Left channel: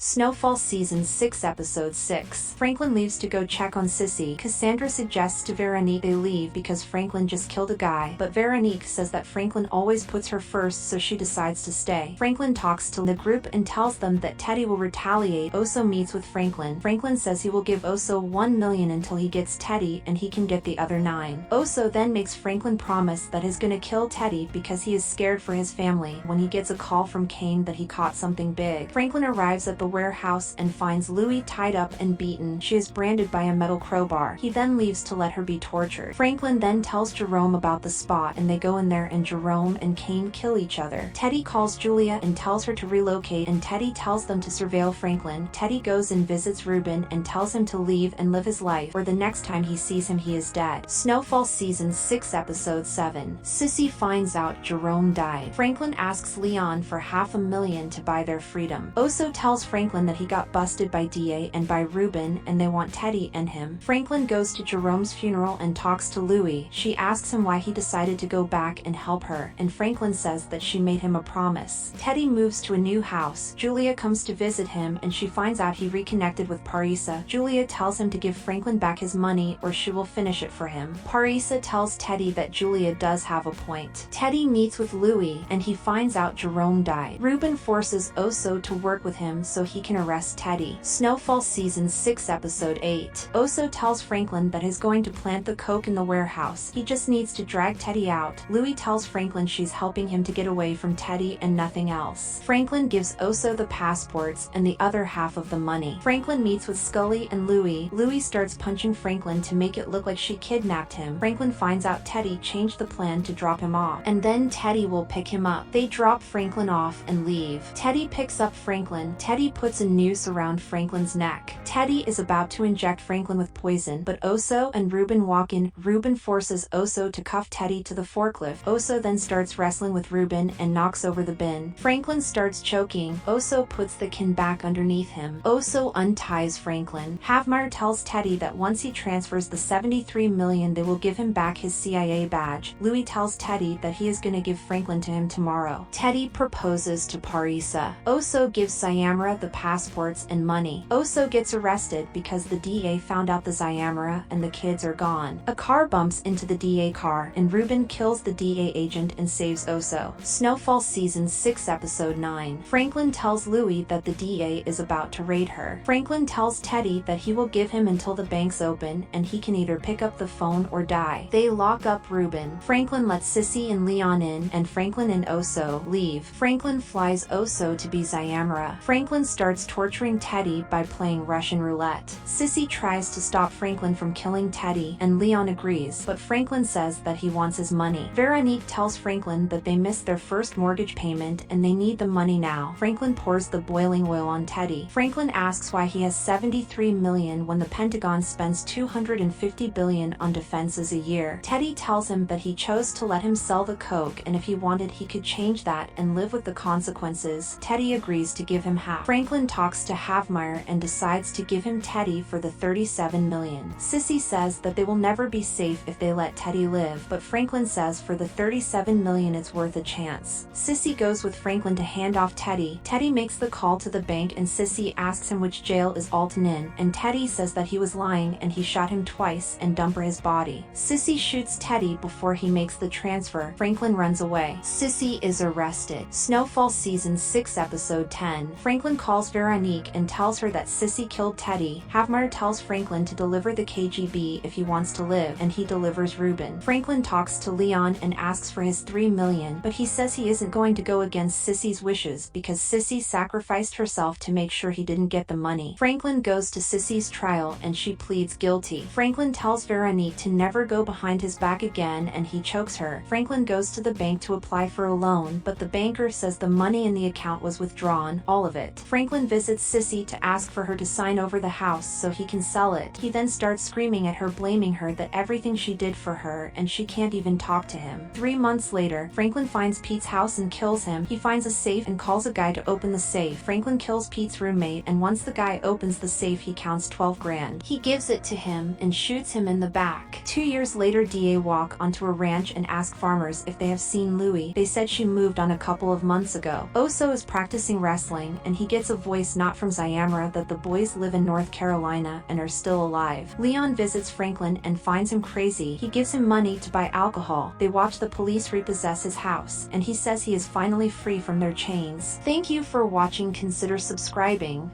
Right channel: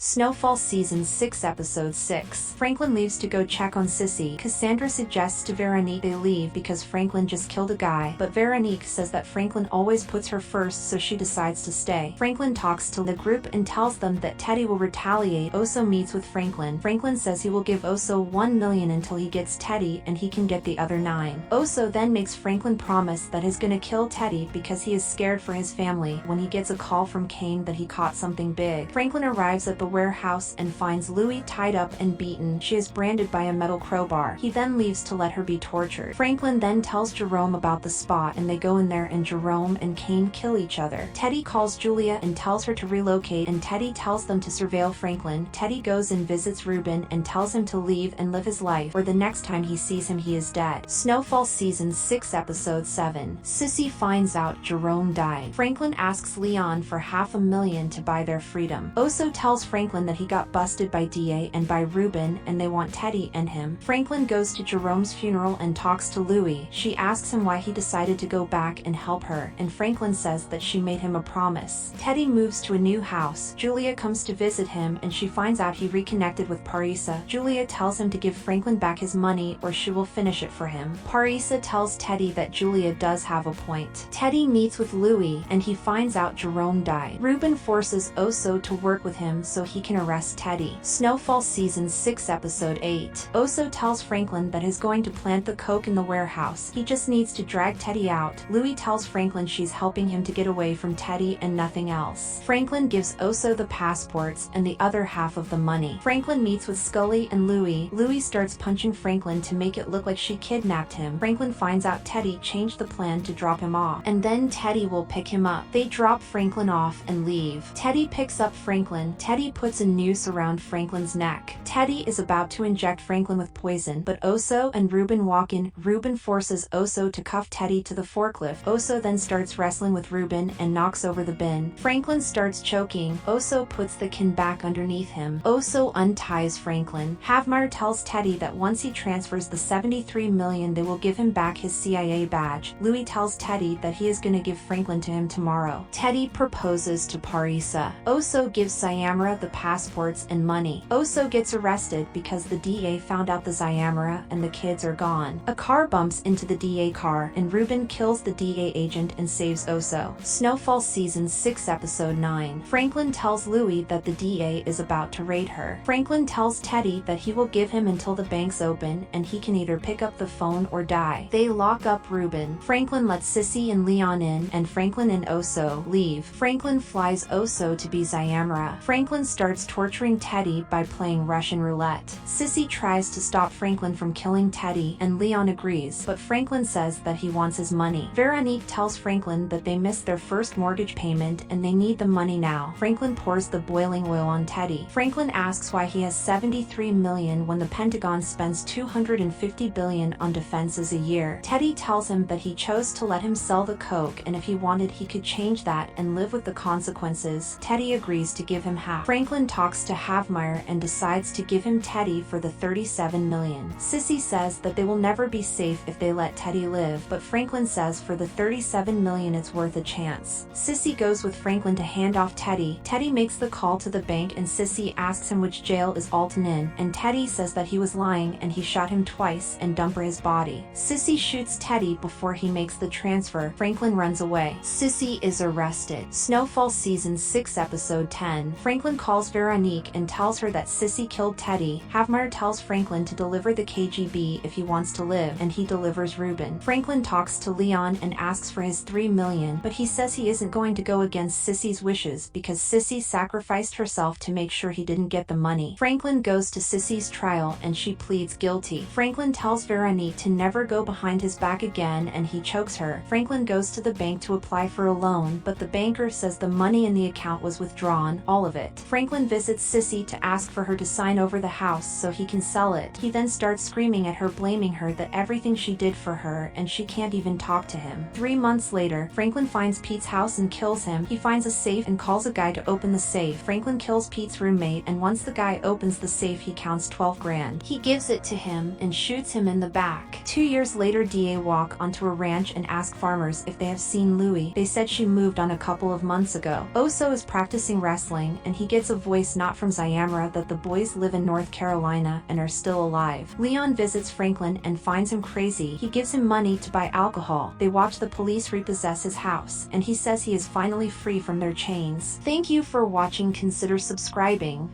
Snowfall Season 6 Episode 6. Franklin leaves to go check on Sissy. Cassandra suggests to Veronique they leave because Franklin just killed a guy, but Veronique says that Franklin always puts her first, so she decides to stay. Franklin talks to the group and tells them that Teddy will retaliate. Oso meets with Franklin. Franklin says he will give Oso 1 million until he gets Teddy and he can get the other 9. Oso then makes Franklin promise that he's gonna kill Teddy because he is scared for his family when he gets a call from Kane that he caught something big. Franklin arrives at the warehouse and finds Louie tied up and beaten. She is branded by a metal crowbar. He then leaves to let her be tortured. Franklin then tells Jerome about the spot and they go in there and Jerome and Kane kill each other. Teddy calls Julia and tells her to relocate and Teddy tells them to surveil Franklin. Teddy goes and visits Ruben and tells him to leave and live his life, or the next time he sees him he is dead. Snowfall Season 6 Episode 7. Sissy finds out Jerome died. Franklin asks Leon for $500,000 to buy their freedom. Oso tells Franklin that he got busted by DA and by Ruben and they want Teddy and him. Franklin goes to Jerome's funeral and talks to Louie. She asks him why he decided to go back and help her, and Franklin says that she made him a promise. Teddy moves to a new house. Julia comes to visit him and she finds out he reconnected with Parisa. Julia tells him to give Franklin back his money or she will finish it for him. Parisa tells Teddy that Julia does have a point. Teddy meets with Louie and he finds out Jerome died. Ruben forces Oso to work with him so he can arrest Teddy. Snowfall Season 6 Episode 8. Oso tells Franklin that he's going to plant the coke in the warehouse. He just needs to drag Teddy out. Louie tells Franklin she's helping him to get away from Teddy and nothing else. Franklin gives Oso the passports and the other half of the money. Franklin meets with Scully and Louie. Louie starts punching Franklin to make it look like she kidnapped him. Franklin finds out Teddy changed the plan to drop him off, and then Teddy will pick him up. They drop Franklin off and leave. Teddy picks up Franklin. Teddy puts a noose around Franklin's neck. Teddy is about to inject Franklin with poison, but Oso and Ruben walk in. Ruben forces Oso to cuff Teddy to the forklift. Oso then starts wrestling with Ruben and knocks over the bin. Franklin starts choking. Oso puts the can back underneath him. Oso unties Franklin. Havmeyer tells Teddy that once he transfers the 73 million they will give him back his CIA badge. Louie tells Teddy that he is gonna give Franklin to him tomorrow. Teddy proposes to Parisa. Oso gives Sayamara the passports and money. Oso gets arrested because the DA found out the Sayamara and the kids are gone. A car bumps into the DA car and Ruben kills the DA agent and saves Oso. Snowfall Season 6 Episode 9. Franklin tells Louie that the DA is about to raid her. Franklin tells Teddy that he will give him until the banks open and he can either pick up the phone or die. They lock up Ruben. Franklin lets Sissy and Leon in and Franklin and Oso leave. Franklin flies Oso to be Sayamara. Franklin starts torturing Teddy by playing Russian roulette. Sissy tries to stop Franklin from killing Teddy and Leon agrees, but Franklin says that he wants his money. Veronique tells Franklin that they missed their first mortgage payment and they need the money now. Franklin pours the boiling oil on Teddy. Franklin asks why he has 73 million when the Pentagon spends 250 billion on defenses a year. Teddy tells him that he chose to let him sell the coke and if he wanted he could change that and live with the consequences. Teddy agrees to give him half. Franklin talks to Havmeyer and decides to give him Teddy for the 37 million. Sissy says that they will never be safe if they let Teddy live, but Franklin says for the 37 million it's worth a chance. Sissy goes with Franklin to hand off Teddy. Teddy makes the call to the bank and Sissy asks him which jail is Alton in, and Teddy says that he was lying and he shot him twice and dumper his body. Sissy shoots Teddy before he makes the transfer. Franklin runs away. Sissy is arrested. Snowfall Season 6 Episode 10. Franklin calls Veronique and tells her that Sissy killed Teddy. Havmeyer tells Franklin to deliver the KGB if he wants to live, and he delivers Ruben. Franklin talks to Leon and asks for his 3 million, but he says he isn't going to go against Sissy's wishes because Sissy sacrificed herself to make sure he didn't get the money. Franklin goes to Sissy's trial and she pleads guilty. Franklin tells Veronique to never go behind his back again and he chokes her. Franklin goes to the bank to apply for a loan, but the banker says the money in the account was withdrawn, all of it. Franklin visits Sissy to ask for her to sign over the house so he can sell it. He then starts screaming at her, blaming her that everything she did for her and she can't even talk to him. 3 months later, Franklin finds Pete's house and kills him. He finds a safe and calls a guy to open the safe. Franklin kills Pete's roommate and once the guy opens the safe he counts 12 grand. He gives it to him and shoots him in the back. 2 years later DA walk onto a ranch and ask farmers if they have seen Louie. They said she moved on a couple of months ago. Oso is practicing wrestling and he gets gets a voice not from Zyamra that the boys live in North Carolina and are still alive. Leon visits Franklin and finds him crazy. He gives him money to buy alcohol. They watch the police repossess his house, and he says he is finally free from their chains. Thank you for watching. Consider subscribing.